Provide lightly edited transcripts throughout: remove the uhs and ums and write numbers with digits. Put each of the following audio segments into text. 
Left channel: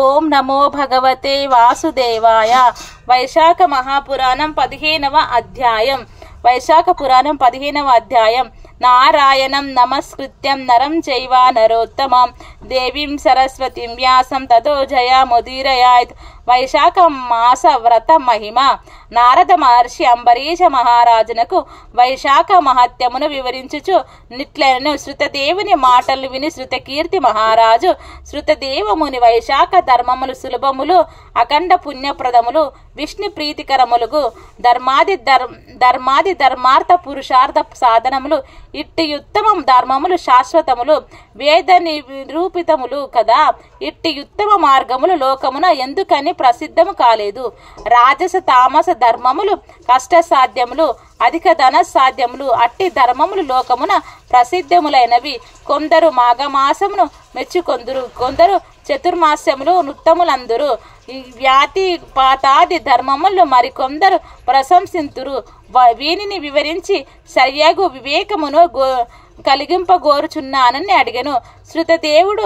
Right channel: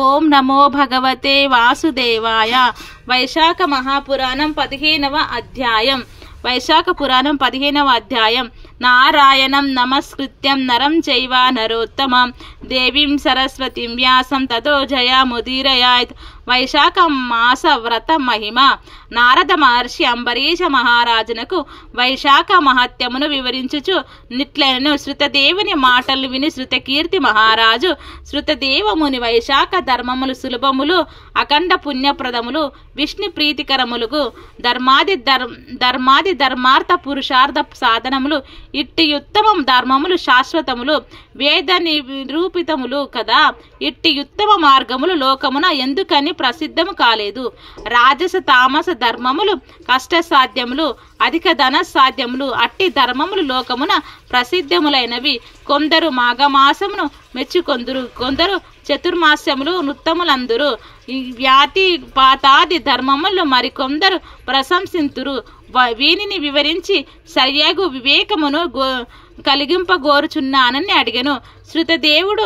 ఓం నమో భగవతే వాసుదేవాయ. వైశాఖ మహాపురాణం 15వ అధ్యాయం. వైశాఖ పురాణం 15వ అధ్యాయం. నారాయణం నమస్కృత్యం నరం చైవ నరోత్తమం దేవీం సరస్వతిం వ్యాసం తతో జయముదీరయాత్. వైశాఖ మాస వ్రత మహిమ. నారద మహర్షి అంబరీష మహారాజునకు వైశాఖ మహత్యమును వివరించుచు నిట్లెనను. శృతదేవుని మాటలు విని శృతకీర్తి మహారాజు శృతదేవముని వైశాఖ ధర్మములు సులభములు అఖండ పుణ్యప్రదములు విష్ణు ప్రీతికరములుగు ధర్మాది ధర్మార్థ పురుషార్థ సాధనములు ఇట్టి ఉత్తమం ధర్మములు శాశ్వతములు వేద నిరూపితములు కదా. ఇట్టి ఉత్తమ మార్గములు లోకమున ఎందుకని ప్రసిద్ధము కాలేదు. రాజస తామస ధర్మములు కష్ట సాధ్యములు అధిక ధన సాధ్యములు అట్టి ధర్మములు లోకమున ప్రసిద్ధములైనవి. కొందరు మాఘమాసమును మెచ్చుకొందురు, కొందరు చతుర్మాస్యములు నృత్తములందురు. వ్యాతి పాతాది ధర్మములు మరికొందరు ప్రశంసింతురు. వీనిని వివరించి సరియగు వివేకమును కలిగింపగోరుచున్నానని అడిగెను. శృతదేవుడు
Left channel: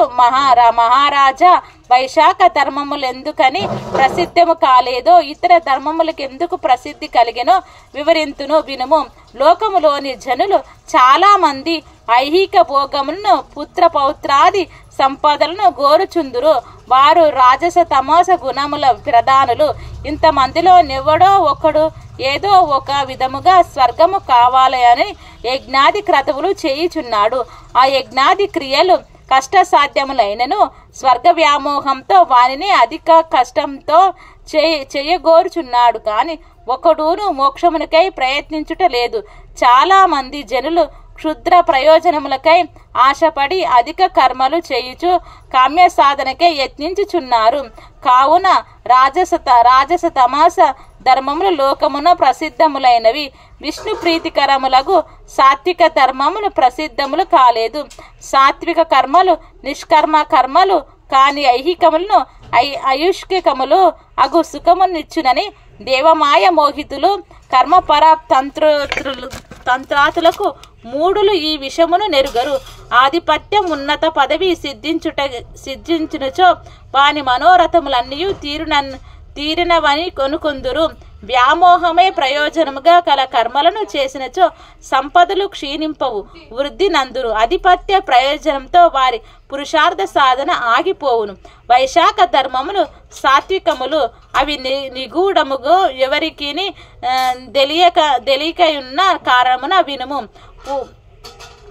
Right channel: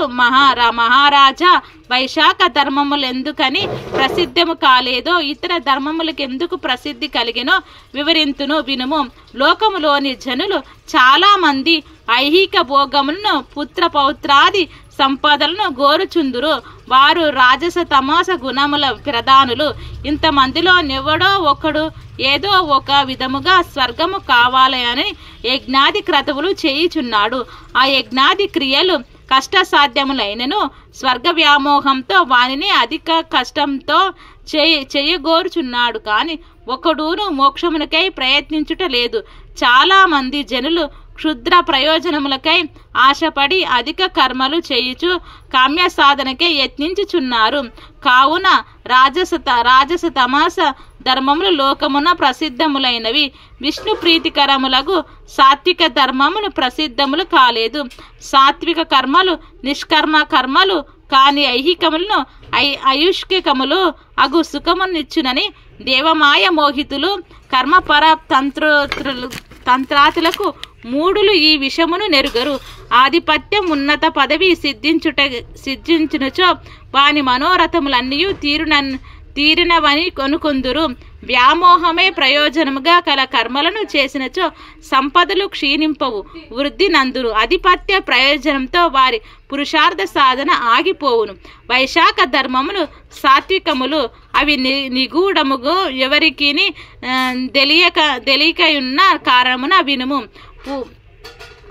మహారాజా, వైశాఖ ధర్మములు ఎందుకని ప్రసిద్ధము కాలేదో ఇతర ధర్మములకు ఎందుకు ప్రసిద్ధి కలిగెనో వివరింతును వినుము. లోకములోని జనులు చాలా మంది ఐహిక భోగములను పుత్ర పౌత్రాది సంపదలను గోరుచుందురు. వారు రాజస తమోస గుణముల ప్రధానులు. ఇంతమందిలో నెవడో ఒకడు ఏదో ఒక విధముగా స్వర్గము కావాలని యజ్ఞాది క్రతువులు చేయుచున్నాడు. ఆ యజ్ఞాది క్రియలు కష్టసాధ్యములైనను స్వర్గ వ్యామోహంతో వానిని అధిక కష్టంతో చేయగోరుచున్నాడు. కాని ఒకడును మోక్షమునకై ప్రయత్నించుట లేదు. చాలా మంది జనులు క్షుద్ర ప్రయోజనములకై ఆశపడి అధిక కర్మలు చేయుచు కామ్య సాధనకై యత్నించుచున్నారు. కావున రాజస తమస ధర్మములు లోకమున ప్రసిద్ధములైనవి. విష్ణు ప్రీతికరములకు సాత్విక ధర్మములు ప్రసిద్ధములు కాలేదు. సాత్విక కర్మలు నిష్కర్మ కర్మలు కాని ఐహికములను ఆయుష్కికములు అగు సుఖమునిచ్చునని దేవమాయ మోహితులు కర్మపర తంత్రాతులకు మూడులు ఈ విషమును నెరుగరు. ఆధిపత్యం ఉన్నత పదవి సిద్ధించునుచో వాని మనోరథములన్నీ తీరినవని కొనుకొందురు. వ్యామోహమే ప్రయోజనముగా కల కర్మలను చేసినచో సంపదలు క్షీణింపవు, వృద్ధి నందురు. ఆధిపత్య ప్రయోజనంతో వారి పురుషార్థ సాధన ఆగిపోవును. వైశాఖ ధర్మములు సాత్వికములు. అవి నిగూఢముగా ఎవరికి తెలియకయున్న కారణమున వినుము.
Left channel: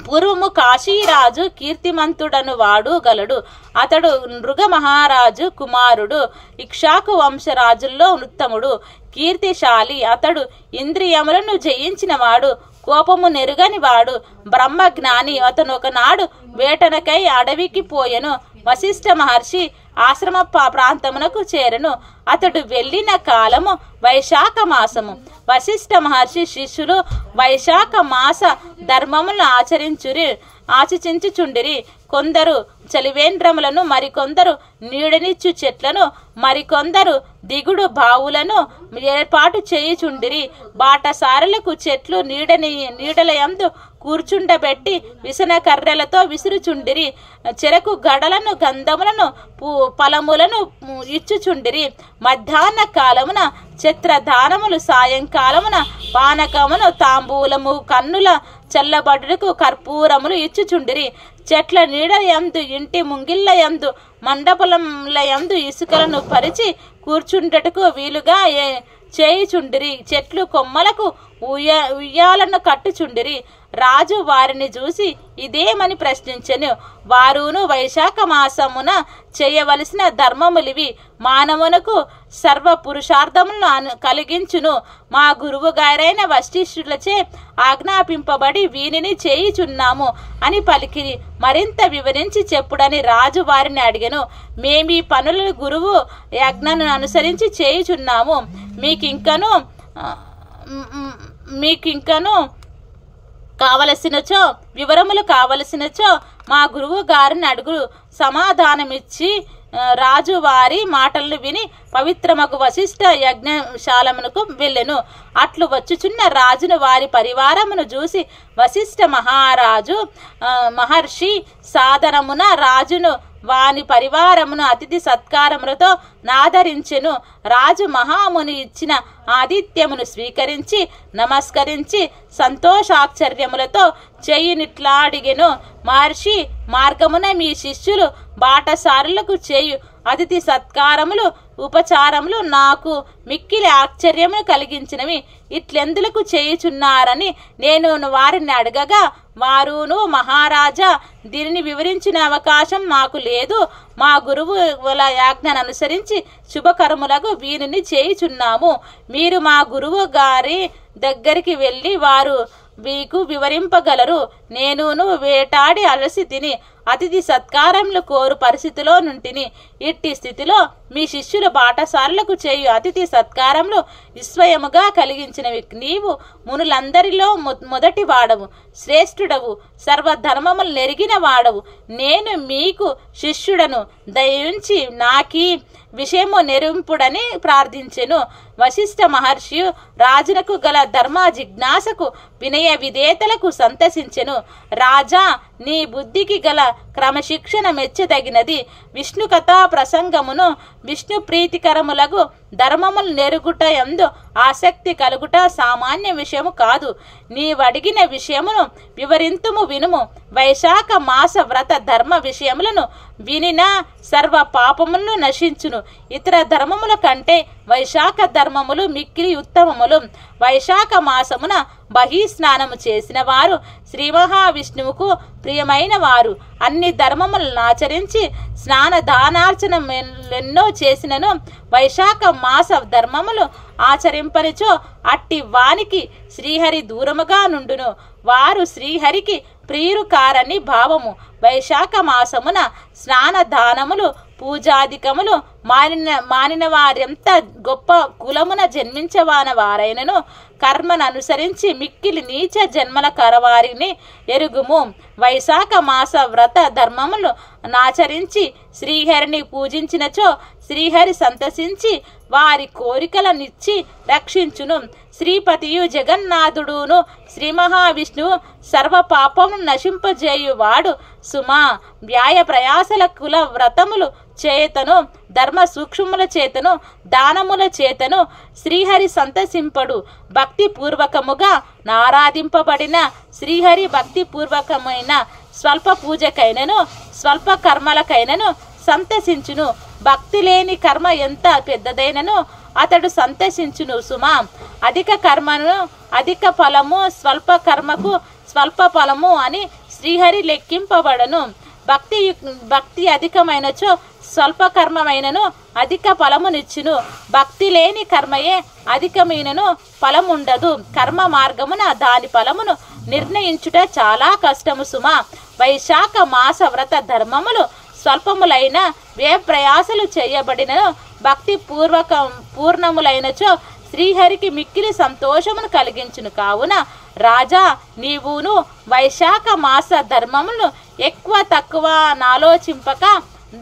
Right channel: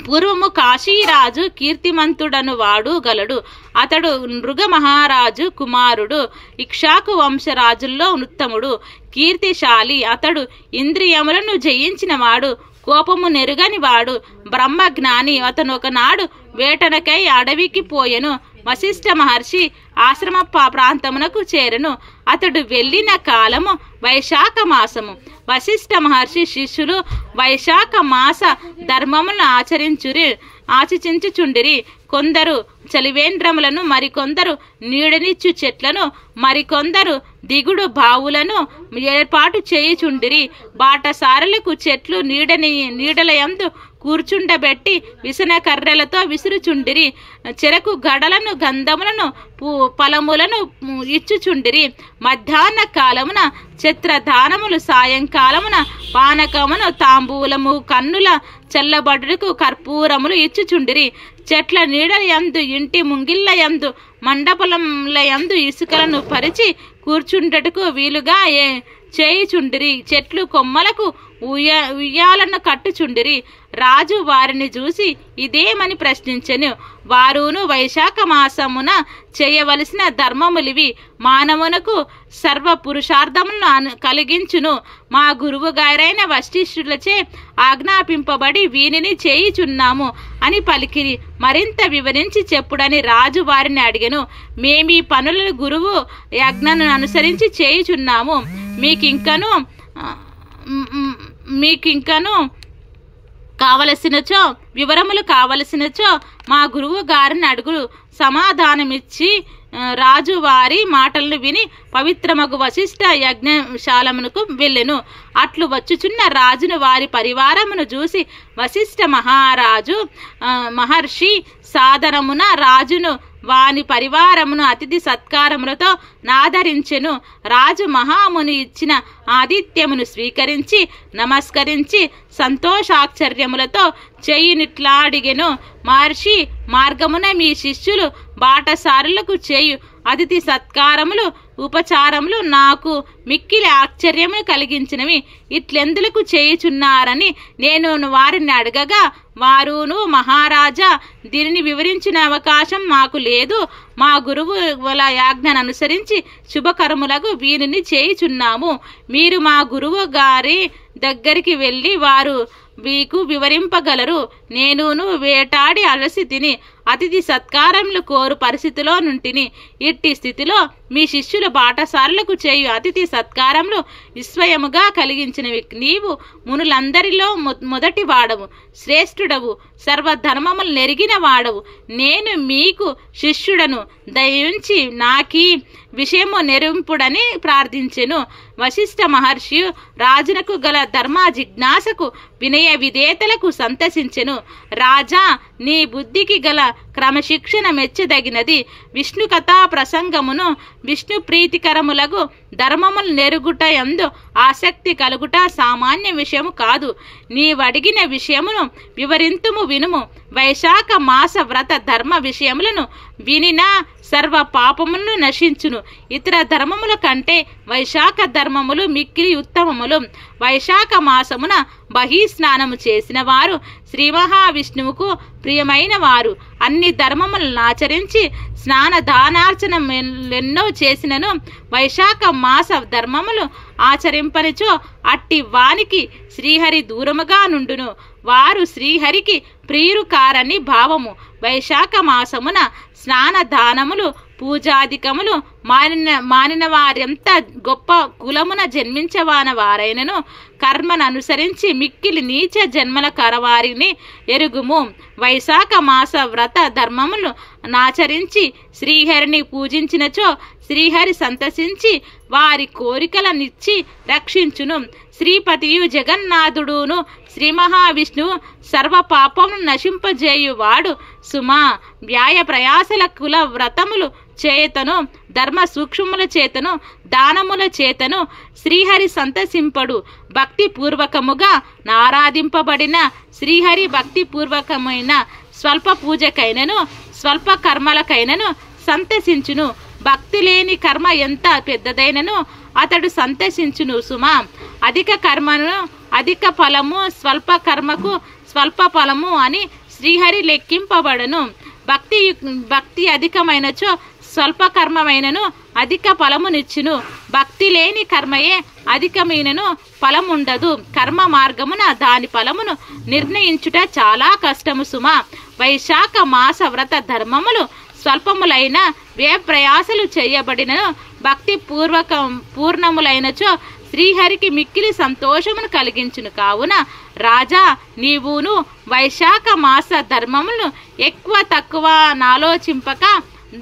పూర్వము కాశీరాజు కీర్తిమంతుడను వాడు గలడు. అతడు నృగ మహారాజు కుమారుడు. ఇక్ష్వాకు వంశరాజుల్లో ఉత్తముడు, కీర్తిశాలి. అతడు ఇంద్రియములను జయించిన వాడు, కోపము నెరుగని వాడు, బ్రహ్మజ్ఞాని. అతను ఒకనాడు వేటనకై అడవికి పోయెను. వశిష్ఠ మహర్షి ఆశ్రమ ప్రాంతమునకు చేరెను. అతడు వెళ్ళిన కాలము వైశాఖ మాసము. వశిష్ఠ మహర్షి శిష్యులు వైశాఖ మాస ధర్మములను ఆచరించుచుండిరి. కొందరు చలివేంద్రములను, మరికొందరు నీడనిచ్చు చెట్లను, మరికొందరు దిగుడు బావులను ఏర్పాటు చేయుచుండిరి. బాటసారులకు చెట్లు నీడలయందు కూర్చుండబెట్టి విసన కర్రలతో విసురుచుండిరి. చెరకు గడలను, గంధములను, ఫలములను ఇచ్చుచుండిరి. మధ్యాహ్న కాలమున ఛత్రదానములు, సాయంకాలమున పానకమును, తాంబూలము, కన్నుల చల్లబడుటకు కర్పూరములు ఇచ్చుచుండిరి. చెట్ల నీడలయందు, ఇంటి ముంగిళ్ళయందు, మండపములయందు ఇసుకలను పరిచి కూర్చుండటకు వీలుగా చేయుచుండిరి. చెట్లు కొమ్మలకు ఉయ్యాలను కట్టుచుండిరి. రాజు వారిని చూసి ఇదేమని ప్రశ్నించెను. వారును వైశాఖ మాసమున చేయవలసిన ధర్మములివి, మానవునకు సర్వ పురుషార్థములను కలిగించును. మా గురువు గారైన వశిష్ఠులచే ఆజ్ఞాపింపబడి వీనిని చేయుచున్నాము అని పలికిరి. మరింత వివరించి చెప్పుడని రాజు వారిని అడిగెను. మేమీ పనులను గురువు యజ్ఞను అనుసరించి చేయుచున్నాము. మీకింకను కావలసినచో వివరములు కావలసినచో మా గురువు గారిని అడుగురు. సమాధానమిచ్చి రాజు వారి మాటలను విని పవిత్రమగు వశిష్ఠ యజ్ఞశాలమునకు వెళ్ళెను. అట్లు వచ్చుచున్న రాజును వారి పరివారమును చూసి వశిష్ఠ మహారాజు మహర్షి సాధనమున రాజును వాని పరివారమును అతిథి సత్కారములతో నాదరించెను. రాజు మహాముని ఇచ్చిన ఆతిథ్యమును స్వీకరించి నమస్కరించి సంతోషాశ్చర్యములతో చేయునిట్లాడిగెను. మహర్షి, మార్గమున మీ శిష్యులు బాటసారులకు చేయు అతిథి సత్కారములు ఉపచారములు నాకు మిక్కిలి ఆశ్చర్యము కలిగించినవి. ఇట్లెందులకు చేయుచున్నారని నేను వారిని అడగగా వారును, మహారాజా, దీనిని వివరించిన అవకాశం మాకు లేదు. మా గురువుల యాజ్ఞను అనుసరించి శుభకర్ములకు వీనిని చేయుచున్నాము. మీరు మా గురువు గారి దగ్గరికి వెళ్ళి వారు మీకు వివరింపగలరు. నేనును వేటాడి అలసి తిని అతిథి సత్కారములు కోరు పరిస్థితిలో నుంటిని. ఇట్టి స్థితిలో మీ శిష్యుల బాటసారులకు చేయు అతిథి సత్కారములు విస్మయముగా కలిగించినవి. నీవు మునులందరిలో మొదటి వాడవు, శ్రేష్ఠుడవు, సర్వధర్మములు నెరిగిన వాడవు. నేను మీకు శిష్యుడను. దయించి నాకీ విషయము నెరింపుడని ప్రార్థించెను. వశిష్ఠ మహర్షి రాజునకు గల ధర్మ జిజ్ఞాసకు వినయ విధేతలకు సంతసించెను. రాజా, నీ బుద్ధికి గల క్రమశిక్షణ మెచ్చదగినది. విష్ణు కథా ప్రసంగమును విష్ణు ప్రీతికరములకు ధర్మములు నెరుగుట యందు ఆసక్తి కలుగుట సామాన్య విషయము కాదు. నీవడిగిన విషయమును వివరింతుము వినుము. వైశాఖ మాస వ్రత ధర్మ విషయములను వినిన సర్వ పాపములను నశించును. ఇతర ధర్మముల కంటే వైశాఖ ధర్మములు మిక్కిలి ఉత్తమములు. వైశాఖ మాసమున బహిస్నానము చేసిన వారు శ్రీ మహావిష్ణువుకు ప్రియమైన వారు. అన్ని ధర్మములను ఆచరించి స్నాన దానార్చనెన్నో చేసినను వైశాఖ మాస ధర్మములు ఆచరింపనిచో అట్టి వానికి శ్రీహరి దూరముగా నుండును. వారు శ్రీహరికి ప్రియురు కారని భావము. వైశాఖ మాసమున స్నాన దానములు పూజాధికములు మానిన వారెంత గొప్ప కులమున జన్మించవాన వారైనను కర్మను అనుసరించి మిక్కిలి నీచ జన్మల కరవారిని ఎరుగుము. వైశాఖ మాస వ్రత ధర్మములు నాచరించి శ్రీహరిని పూజించినచో శ్రీహరి సంతసించి వారి కోరికలనిచ్చి రక్షించును. శ్రీపతియు జగన్నాథుడును శ్రీ మహావిష్ణువు సర్వ పాపమును నశింపజేయువాడు సుమా. వ్యాయ ప్రయాసల కుల వ్రతములు చేతను ధర్మ సూక్ష్మముల చేతను దానముల చేతను శ్రీహరి సంతసింపడు. భక్తి పూర్వకముగా నారాధింపబడిన శ్రీహరి భక్తి పూర్వకమైన స్వల్ప పూజకైనను స్వల్ప కర్మలకైనను సంతసించును. భక్తి లేని కర్మ ఎంత పెద్దదైనను అతడు సంతసించును సుమా. అధిక కర్మను అధిక ఫలము, స్వల్ప కర్మకు స్వల్ప ఫలము అని శ్రీహరి లెక్కింపబడను. భక్తి అధికమైనచో స్వల్ప కర్మమైనను అధిక ఫలమునిచ్చును. భక్తి లేని కర్మయే అధికమైనను ఫలముండదు. కర్మ మార్గమున దాని ఫలమును నిర్ణయించుట చాలా కష్టము సుమా. వైశాఖ మాస వ్రత ధర్మములు స్వల్పములైన వ్యయ ప్రయాసలు చేయబడిన భక్తి పూర్ణములైనచో శ్రీహరికి మిక్కిలి సంతోషమును కలిగించును. కావున రాజా, నీవును వైశాఖ మాస ధర్మములను ఎక్కువ తక్కువ నాలోచింపక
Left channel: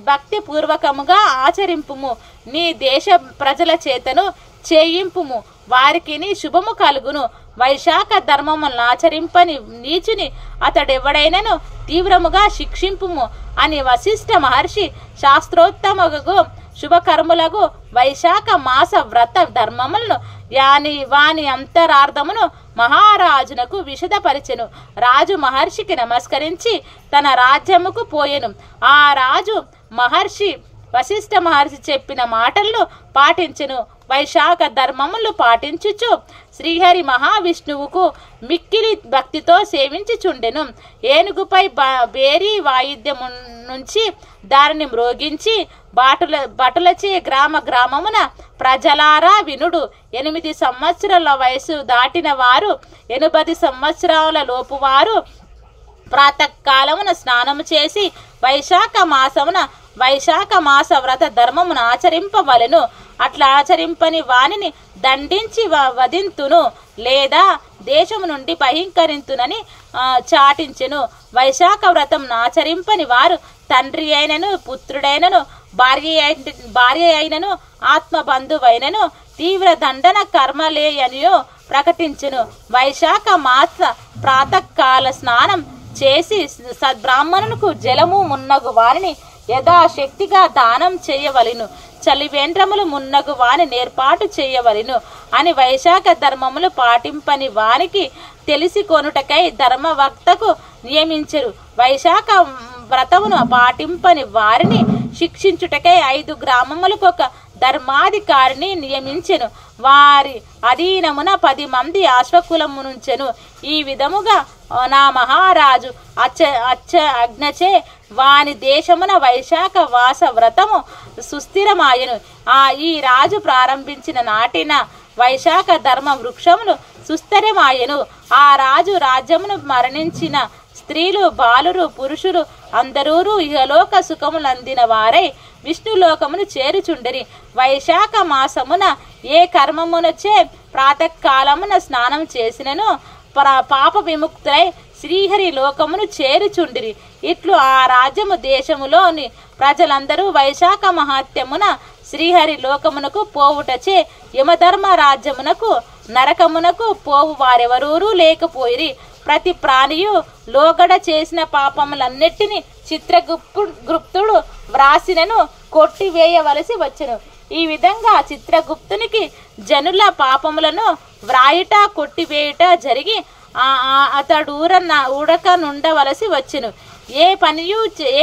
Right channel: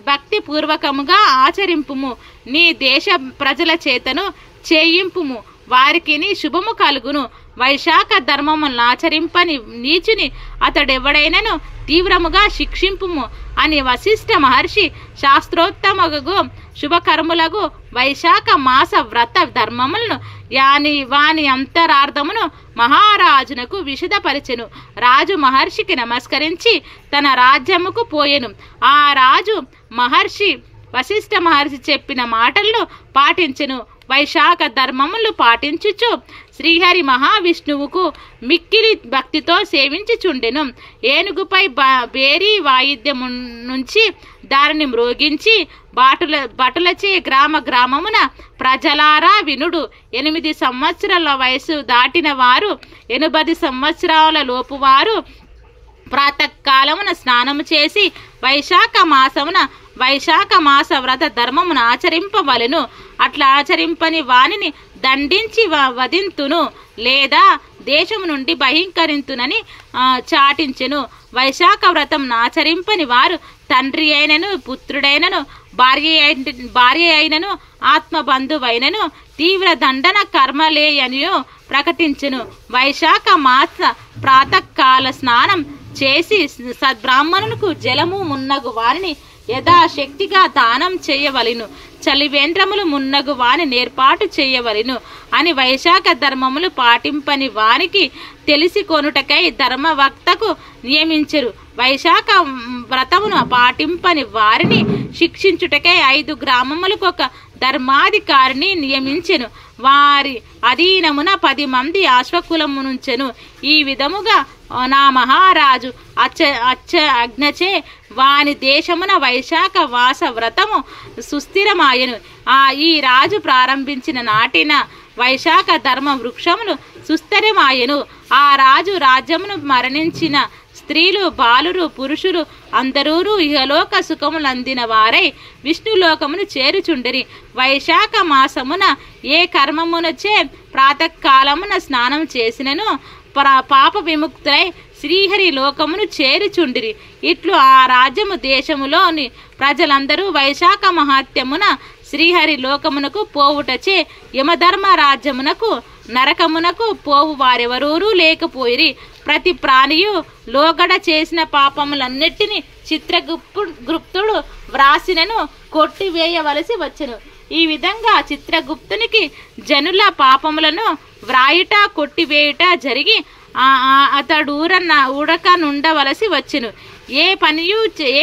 భక్తి పూర్వకముగా ఆచరింపుము. నీ దేశ ప్రజల చేతను చేయింపుము, వారికి శుభము కలుగును. వైశాఖ ధర్మములను ఆచరింపని నీచుని అతడెవడైనను తీవ్రముగా శిక్షింపుము అని వశిష్ఠ మహర్షి శాస్త్రోత్తమగు శుభకర్ములకు వైశాఖ మాస వ్రత ధర్మములను వాని అంతరార్థమును మహారాజునకు విశదపరిచెను. రాజు మహర్షికి నమస్కరించి తన రాజ్యముకు పోయెను. ఆ రాజు వశిష్ఠ మహర్షి చెప్పిన మాటలను పాటించెను. వైశాఖ ధర్మములు పాటించుచు శ్రీహరి మహావిష్ణువుకు మిక్కిలి భక్తితో సేవించుచుండెను. ఏనుగుపై బేరీ వాయిద్యము నుంచి దారిని మ్రోగించి భటులచే గ్రామమున ప్రజలారా వినుడు. 8 సంవత్సరాల వయసు దాటిన వారు 80 సంవత్సరాల లోపు వారు ప్రాతకాలమున స్నానము చేసి వైశాఖ మాస వ్రత ధర్మమును ఆచరింపవలెను. అట్లా ఆచరింపని వానిని దండించి వధింతును లేదా దేశము నుండి బహిష్కరింతునని చాటించెను. వైశాఖ వ్రతం ఆచరింపని వారు తండ్రి అయినను పుత్రుడైనను భార్య అయినను ఆత్మబంధువైనను తీవ్ర దండన కర్మలేయనియో ప్రకటించెను. వైశాఖ మాస ప్రాతకాల స్నానం చేసి సద్బ్రాహ్మణులకు జలము మున్నగు వారిని యథాశక్తిగా దానం చేయవలెను. చలివేంద్రములు మున్నగు వాని నేర్పాటు చేయవలెను అని వైశాఖ ధర్మములు పాటింపని వానికి తెలిసి కొనుటకై ధర్మవక్తకు నియమించరు. వైశాఖ వ్రతమును పాటింపని వారిని శిక్షించుటకై 5 గ్రామములకు ఒక ధర్మాధికారిని నియమించెను. వారి అధీనమున 10 మంది అశ్వకులమునుంచెను. ఈ విధముగా నా మహారాజు అజ్ఞచే వాని దేశమున వైశాఖ వాస వ్రతము సుస్థిరమాయెను. ఈ రాజు ప్రారంభించిన నాటిన వైశాఖ ధర్మ వృక్షమును సుస్థిరమాయెను. ఆ రాజు రాజ్యమును మరణించిన స్త్రీలు, బాలురు, పురుషులు అందరూ ఇహలోక సుఖములందిన వారై విష్ణులోకమును చేరుచుండిరి. వైశాఖ మాసమున ఏ కర్మమునచే ప్రాతకాలమున స్నానం చేసినను పాప విముక్తులై శ్రీహరి లోకమును చేరుచుండిరి. ఇట్లు ఆ రాజ్యము దేశములోని ప్రజలందరూ వైశాఖ మహాత్యమున శ్రీహరి లోకమునకు పోవుటచే యమధర్మ రాజ్యమునకు నరకమునకు పోవు వారెవరూ లేకపోయిరి. ప్రతి ప్రాణియు లోగడ చేసిన పాపములన్నిటినీ చిత్రగుప్తుడు వ్రాసినను కొట్టివేయవలసి వచ్చెను. ఈ విధంగా చిత్రగుప్తునికి జనుల పాపములను వ్రాయుట కొట్టివేయుట జరిగి అతడు ఊడక నుండవలసి వచ్చెను. ఏ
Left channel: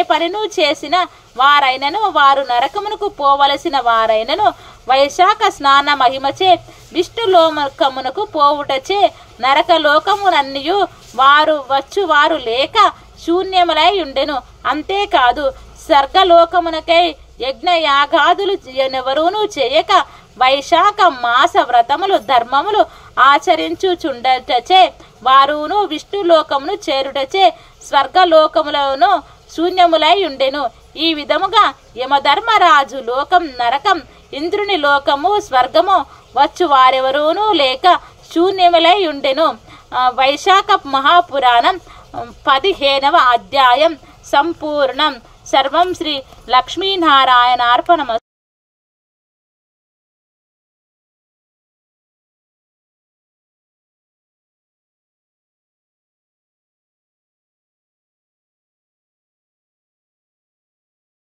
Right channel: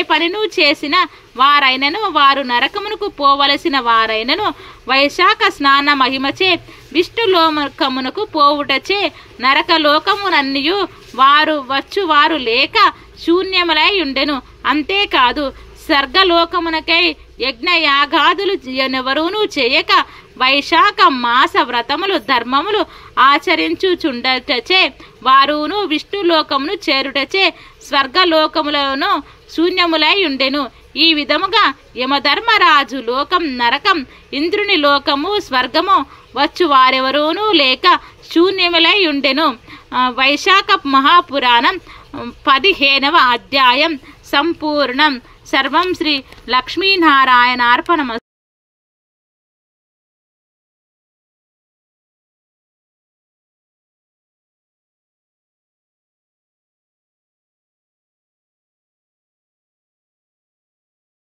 పనిను చేసిన వారైనను వారు నరకమునకు పోవలసిన వారైనను వైశాఖ స్నాన మహిమచే విష్ణులోకమునకు పోవుటచే నరకలోకమునన్నియు వారు లేక శూన్యములై ఉండెను. అంతేకాదు స్వర్గలోకమునకై యజ్ఞయాగాదులు ఎవరూనూ చేయక వైశాఖ మాస వ్రతములు ధర్మములు ఆచరించుచుండటచే వారును విష్ణులోకమును చేరుటచే స్వర్గలోకములను శూన్యములై ఉండెను. ఈ విధముగా యమధర్మరాజు లోకం, నరకం, ఇంద్రుని లోకము, స్వర్గము వచ్చు వారెవరూనూ లేక శూన్యములై ఉండెను. వైశాఖ మహాపురాణం 15వ అధ్యాయం సంపూర్ణం. సర్వం శ్రీ లక్ష్మీనారాయణార్పణమస్తు.